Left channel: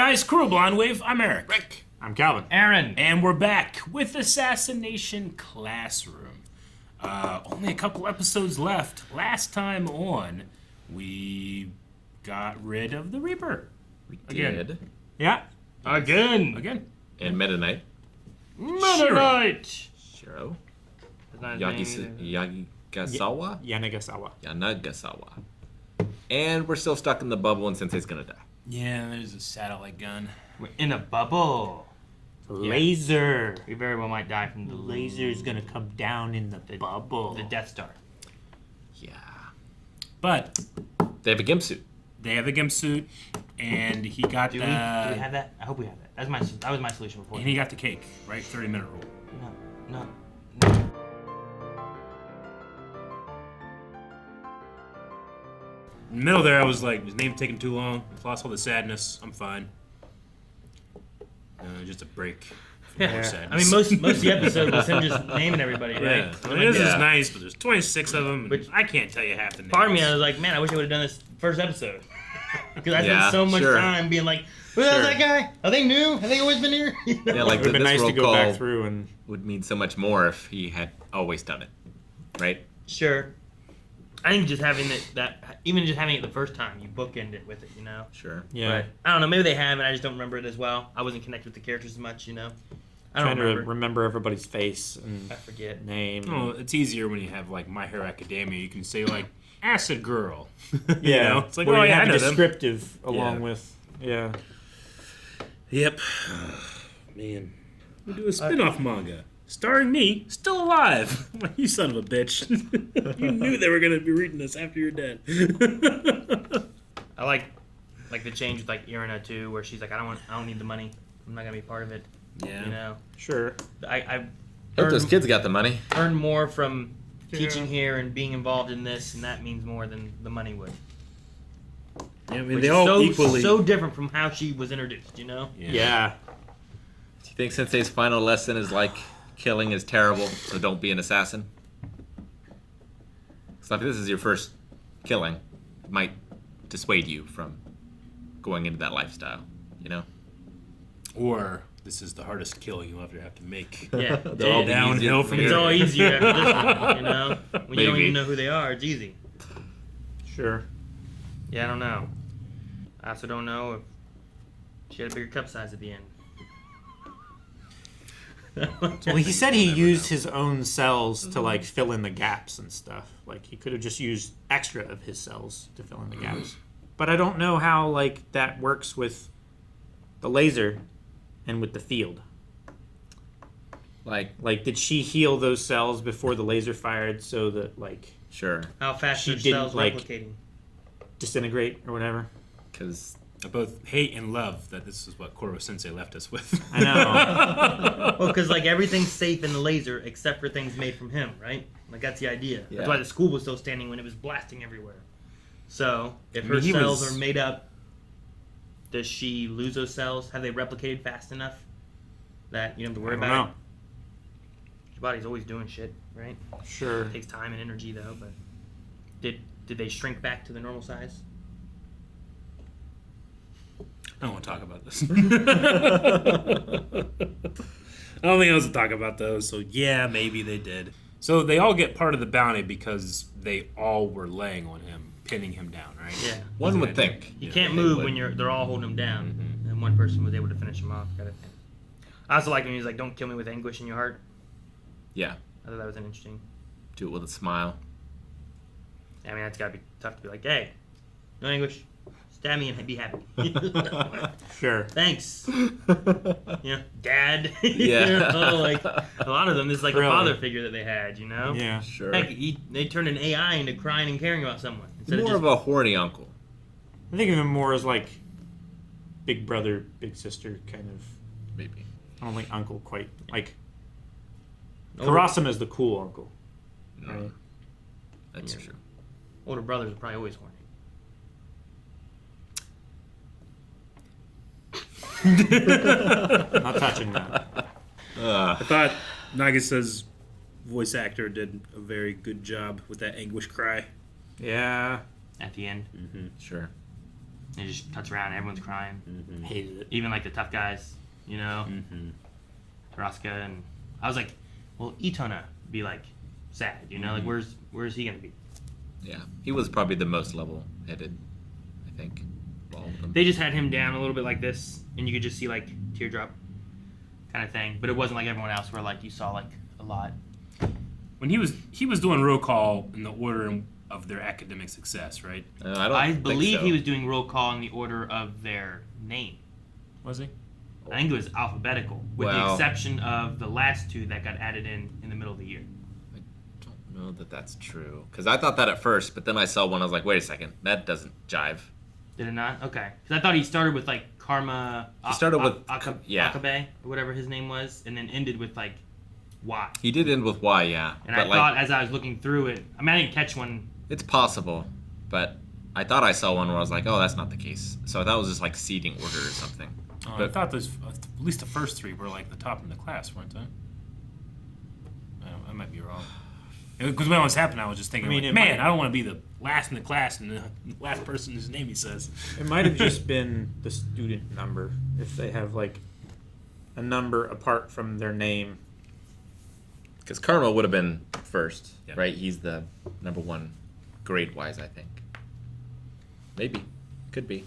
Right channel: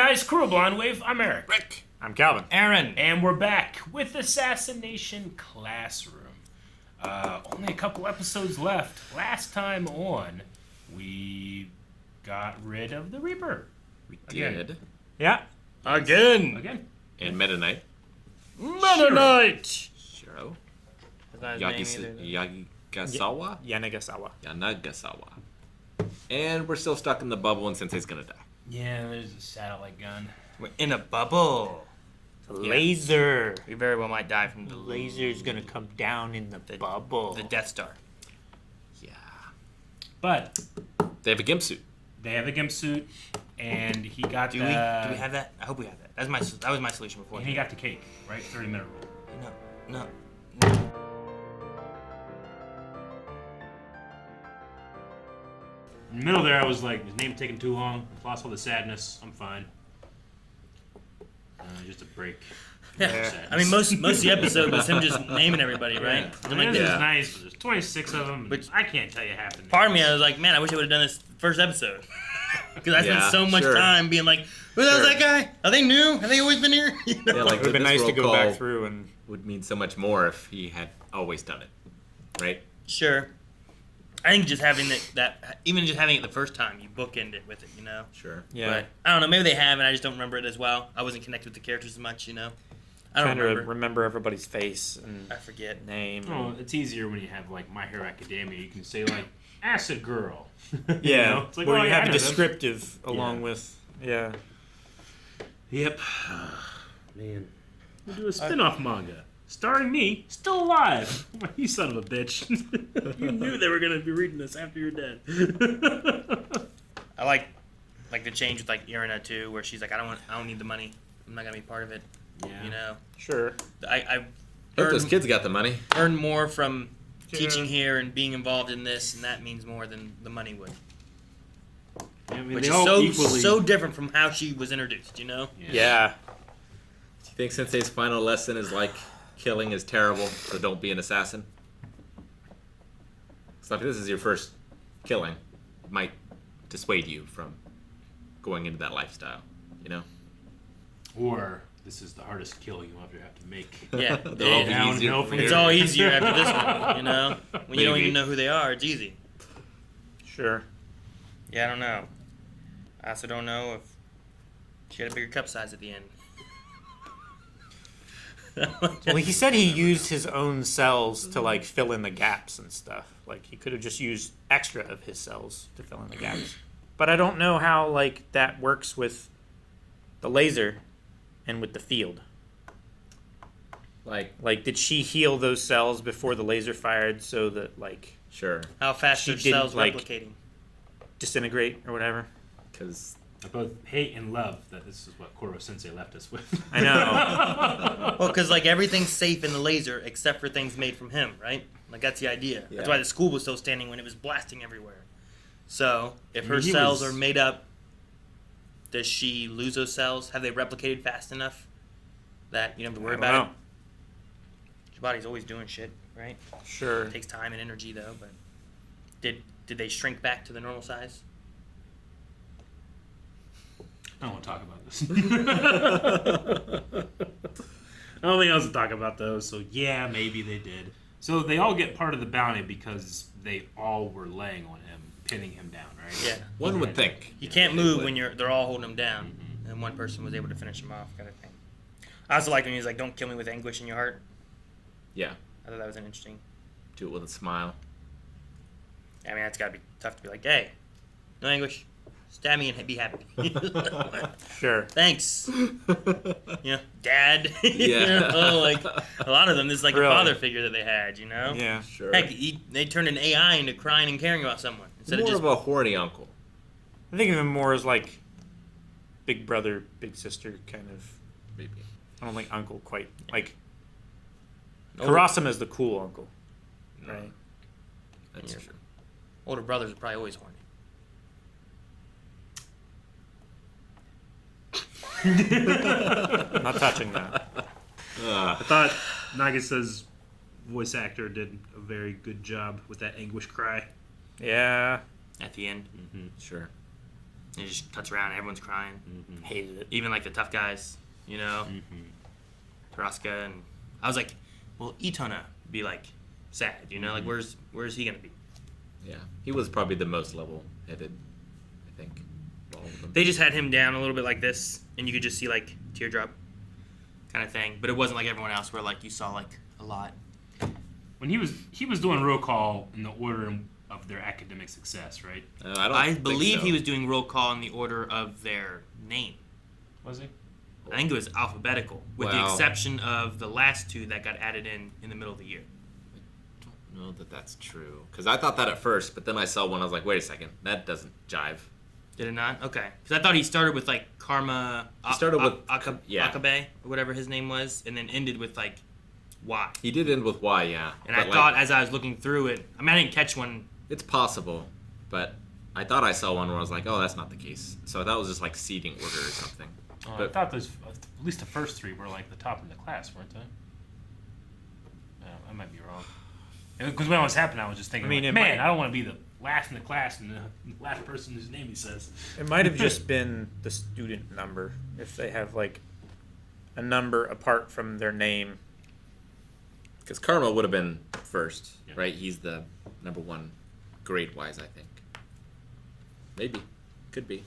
guys, Crew Blind Wave. I'm Eric. Rick. I'm Calvin. Aaron. And we're back with Assassination Classroom. Only a couple episodes left. Last time on, we got rid of the Reaper. We Again. did. Yeah. Again. And Meta Knight. Meta Knight! Shiro. That's not his name either. Yagasawa? Yanagasawa. And we're still stuck in the bubble and Sensei's gonna die. Yeah, there's a satellite gun. We're in a bubble. Laser. We very well might die from The laser's gonna come down in the bubble. the Death Star. Yeah. But They have a gimp suit. they have a gimp suit, and he got Do the... we have that? I hope we have that. That was my solution before. And he got the cake, right? 30-minute rule. No. In the middle there, I was like, his name taking too long. Lost all the sadness. I'm fine. Just a break. Yeah. I mean, most of the episode was him just naming everybody, right? I mean, this is nice, but there's 26 of them. But I can't tell you half the names. Part of me, I was like, man, I wish I would have done this first episode. Because I spent so much sure. time being like, who the hell's that guy? Are they new? Have they always been here? You know? Yeah, like It would have been this nice to roll go call back through and... would mean so much more if he had always done it, right? Sure. I think just having that even just having it the first time, you bookend it with it, you know? Sure. Yeah. But I don't know, maybe they have and I just don't remember it as well. I wasn't connected with the characters as much, you know? I don't Trying to remember. remember everybody's face and I forget. name. Oh, it's easier when you have like My Hero Academia. You can say like Acid Girl. Yeah. You know? It's like, where oh you yeah, I have know a them. descriptive along Yeah. with... Yeah. Yep. Man. We do a spin-off manga. Starring me, still alive. You son of a bitch. You knew they were going to be reading this after you're dead. I like the change with like Irina too, where she's like, I don't need the money. I'm not gonna be part of it. Yeah. You know. Sure. I Hope those kids got the money. earn more from Yeah. teaching here and being involved in this, and that means more than the money would. I mean, Which they is all so equally... so different from how she was introduced. You know. Yeah. Do you think Sensei's final lesson is like killing is terrible, so don't be an assassin? So if this is your first killing, it might dissuade you from going into that lifestyle, you know? Or this is the hardest kill you'll ever have to make. Yeah. They'll all be And easier downhill from from it's here. all easier after this one. You know. When you don't Maybe. even know who they are, it's easy. Sure. Yeah, I don't know. I also don't know if she had a bigger cup size at the end. Well, he said he used his own cells to, like, fill in the gaps and stuff. Like, he could have just used extra of his cells to fill in the gaps. But I don't know how, like, that works with the laser and with the field. Like, Like, did she heal those cells before the laser fired so that, like, sure, How fast She are didn't, cells like- replicating? disintegrate or whatever? because I both hate and love that this is what Koro Sensei left us with. I know. Well, because like everything's safe in the laser except for things made from him, right? Like that's the idea. Yeah. That's why the school was still standing when it was blasting everywhere. So if I her mean, he cells was- are made up, does she lose those cells? Have they replicated fast enough that you don't have to worry I don't about know. it? Your body's always doing shit, right? Sure. It takes time and energy though. But did they shrink back to the normal size? I don't want to talk about this. I don't think I was to talk about those, so yeah, maybe they did. So they all get part of the bounty because they all were laying on him, pinning him down, right? Yeah. one would think. You can't they move would. when they're all holding him down, and one person was able to finish him off, kind of thing. I also like when he's like, "Don't kill me with anguish in your heart." Yeah, I thought that was an interesting. do it with a smile. I mean, that's gotta be tough to be like, "Hey, no anguish, stab me and be happy." Sure. Thanks. Yeah, Dad. Yeah. You know, like a lot of them, this is like Really? a father figure that they had. You know. Yeah. Sure. Heck, they turned an AI into crying and caring about someone instead More of just. of a horny uncle. I think of him more as, like, big brother, big sister kind of. Maybe. I don't think uncle quite. Like, Older, Karasama's the cool uncle, right? That's Yeah. true. older brothers are probably always horny. Not touching that. I thought Nagasa's voice actor did a very good job with that anguish cry. Yeah. At the end. Sure. And it just cuts around and everyone's crying. Hated it. Even like the tough guys, you know? Taraska, and I was like, well, Itona be like sad, you know? Like, where's he gonna be? Yeah, he was probably the most level-headed, I think, of all of them. They just had him down a little bit like this, and you could just see like teardrop kind of thing. But it wasn't like everyone else where like you saw like a lot. When he was doing roll call in the order of their academic success, right? I believe he was doing roll call in the order of their name. Was he? I think it was alphabetical, with the exception of the last two that got added in the middle of the year. I don't know that that's true. Because I thought that at first, but then I saw one, I was like, wait a second, that doesn't jive. Did it not? Okay. Because I thought he started with like Karma... He started with... Akabe, or whatever his name was, and then ended with like Y. He did end with Y, yeah. And I thought as I was looking through it... I mean, I didn't catch one. It's possible, but I thought I saw one where I was like, oh, that's not the case. So I thought it was just like seating order or something. I thought those, at least the first three were like the top of the class, weren't they? I might be wrong. Because when it was happening, I was just thinking, I don't want to be the last in the class and the last person whose name he says. It might have just been the student number, if they have like a number apart from their name. Because Karma would have been first, right? He's the number one grade-wise, I think. Maybe. Could be.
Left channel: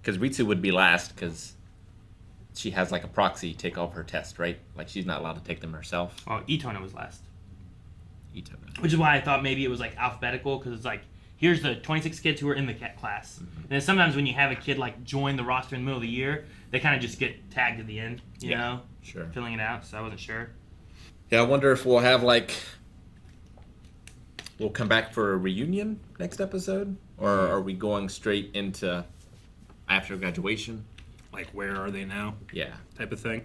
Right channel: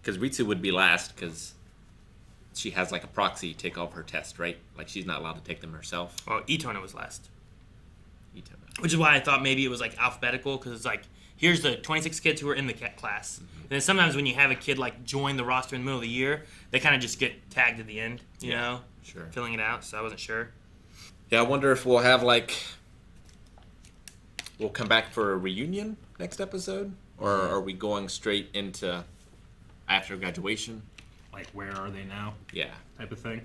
Because Ritsu would be last, because she has like a proxy take off her test, right? Like she's not allowed to take them herself. Well, Itona was last. Itona. Which is why I thought maybe it was like alphabetical, because it's like, here's the 26 kids who are in the class. And then sometimes when you have a kid like join the roster in the middle of the year, they kind of just get tagged at the end, you know? Sure. Filling it out, so I wasn't sure. Yeah, I wonder if we'll have like... We'll come back for a reunion next episode? Or are we going straight into after graduation? Like, where are they now? Yeah. Type of thing.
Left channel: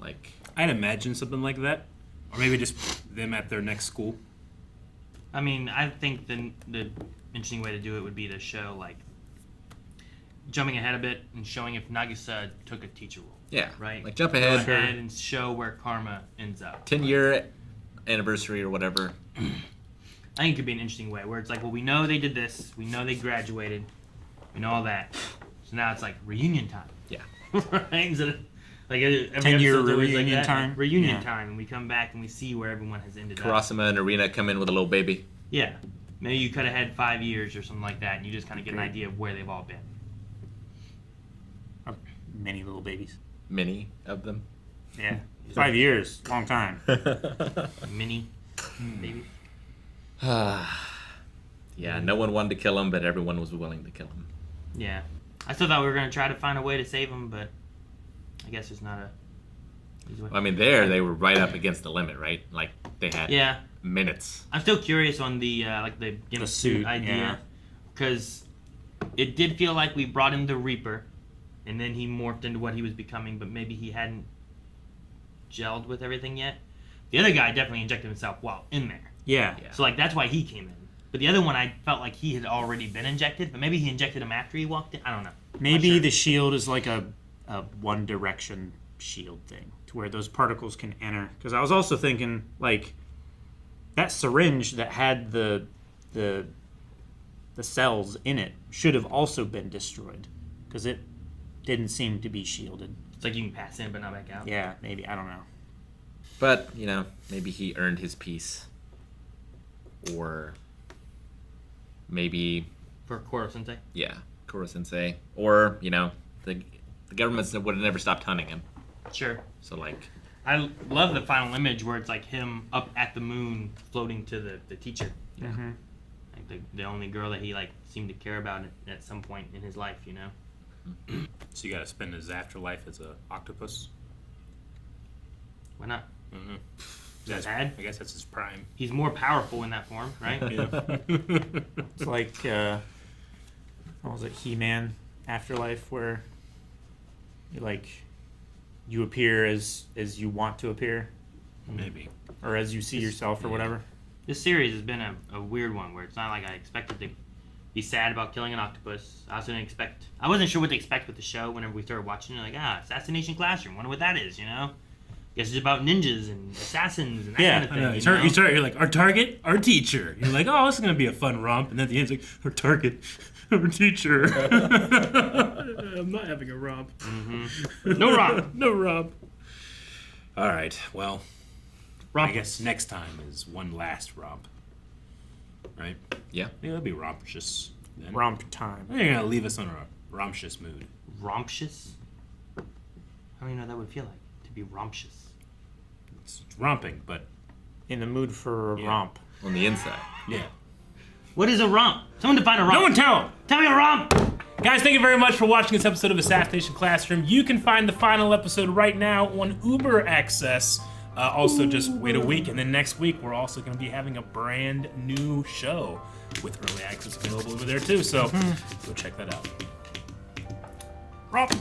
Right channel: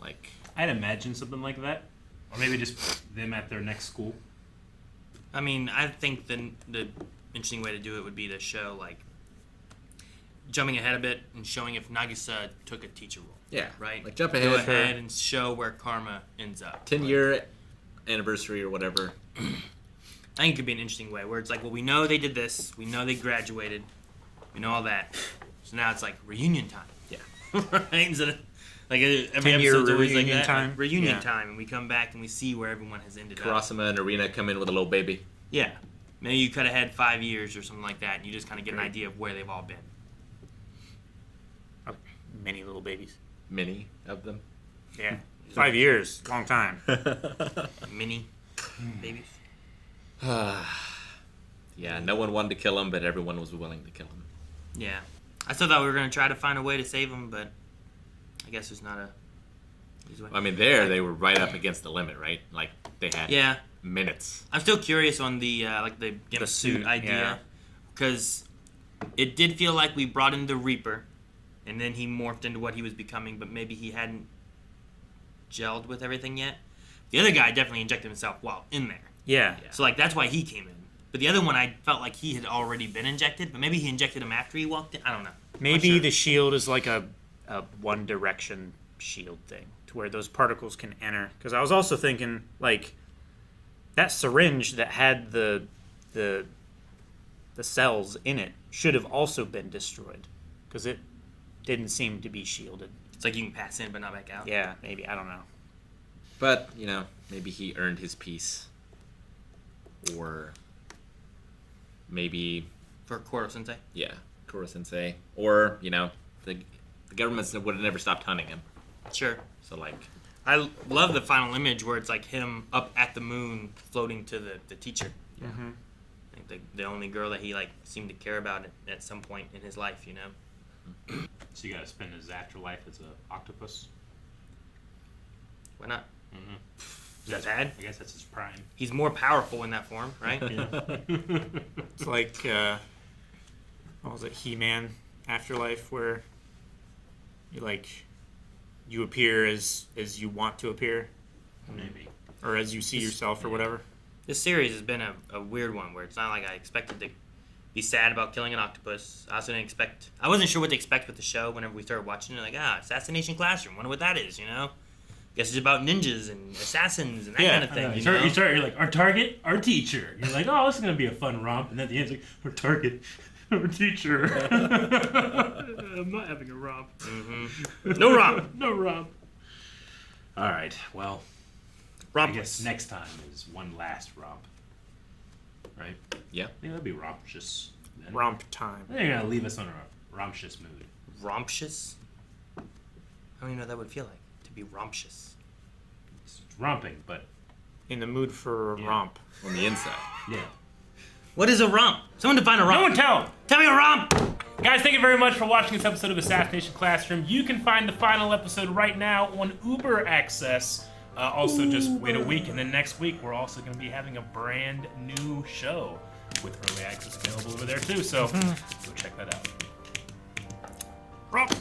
Like... I'd imagine something like that. Or maybe just them at their next school. I mean, I think the interesting way to do it would be to show, like, jumping ahead a bit and showing if Nagisa took a teacher role. Yeah. Right? Like, jump Go ahead. ahead and show where Karma ends up. 10-year anniversary or whatever. I think it could be an interesting way where it's like, well, we know they did this. We know they graduated. We know all that. So now it's like reunion time. Yeah. Right? Instead of, like, every 10-year episode's always reunion like that. time? Reunion Yeah. time. And we come back and we see where everyone has ended up. Kurasama and Arena come in with a little baby. Yeah. Maybe you could have had 5 years or something like that, and you just kind of get an idea of where they've all been. Many little babies. Many of them. Yeah. 5 years. Long time. Mini babies. Yeah, no one wanted to kill him, but everyone was willing to kill him. Yeah. I still thought we were going to try to find a way to save him, but I guess there's not a... I mean, they were right up against the limit, right? Like, they had minutes. I'm still curious on the gimp suit idea. Because it did feel like we brought him the Reaper, and then he morphed into what he was becoming, but maybe he hadn't gelled with everything yet. The other guy definitely injected himself while in there. Yeah. So, like, that's why he came in. But the other one, I felt like he had already been injected, but maybe he injected him after he walked in. I don't know. Maybe the shield is like a one direction shield thing to where those particles can enter. Because I was also thinking, like, that syringe that had the cells in it should have also been destroyed because it didn't seem to be shielded. It's like you can pass in but not back out. Yeah, maybe. I don't know. But, you know, maybe he earned his peace. Or maybe... For Koro-sensei? Yeah, Koro-sensei. Or, you know, the government would have never stopped hunting him. Sure. So, like... I love the final image where it's like him up at the moon floating to the teacher. Yeah. Mm-hmm. Like the only girl that he like seemed to care about at some point in his life, you know? So you gotta spend his afterlife as a octopus? Why not? Mm-hmm. Is that bad? I guess that's his prime. He's more powerful in that form, right? It's like, what was it, He-Man Afterlife, where you appear as you want to appear, Maybe. or as you see yourself, or whatever. This series has been a weird one where it's not like I expected to be sad about killing an octopus. I also didn't expect... I wasn't sure what to expect with the show whenever we started watching it. Like, Assassination Classroom. Wonder what that is, you know? Guess it's about ninjas and assassins and that kind of thing. You start, you're like, our target, our teacher. You're like, oh, this is going to be a fun romp. And then at the end, it's like, our target, our teacher. I'm not having a romp. Mm-hmm. No romp. No romp. All right, well, I guess next time is one last romp. Right? Yeah. That'll be romptious. Then. Romp time. You're going to leave us on a romptious mood. Romptious? How do you know that would feel like? To be romptious. It's romping, but... In the mood for a romp. On the inside. Yeah. What is a romp? Someone define a romp. No one tell! Tell me a romp! Guys, thank you very much for watching this episode of Assassination Classroom. You can find the final episode right now on Uber Access. Also, just wait a week, and then next week we're also going to be having a brand new show with early access available over there too. So go check that out. Romp.